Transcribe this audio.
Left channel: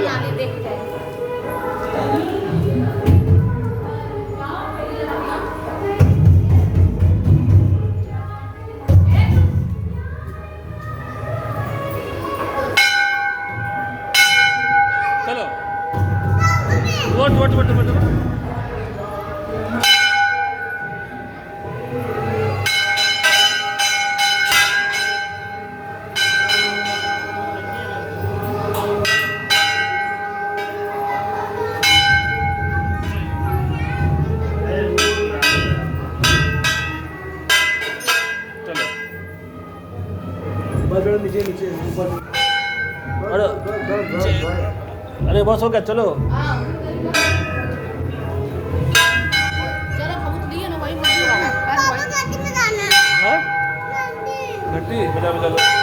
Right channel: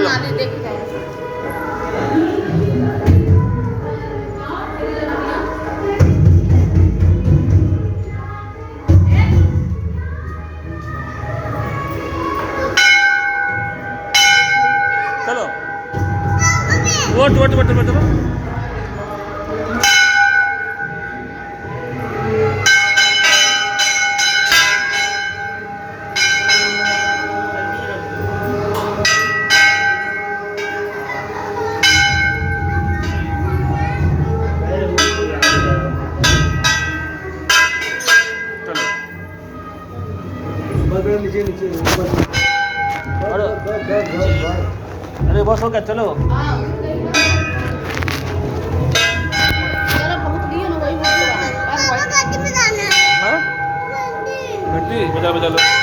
चलो नाली देख जाए चलो वोट वोट वोट वोट चलो चलो नीचे नीचे अरे बस हो गया चलो हाँ चलो बहुत दिए ना वही वीडियो बना हाँ घंटी बजा बजा लो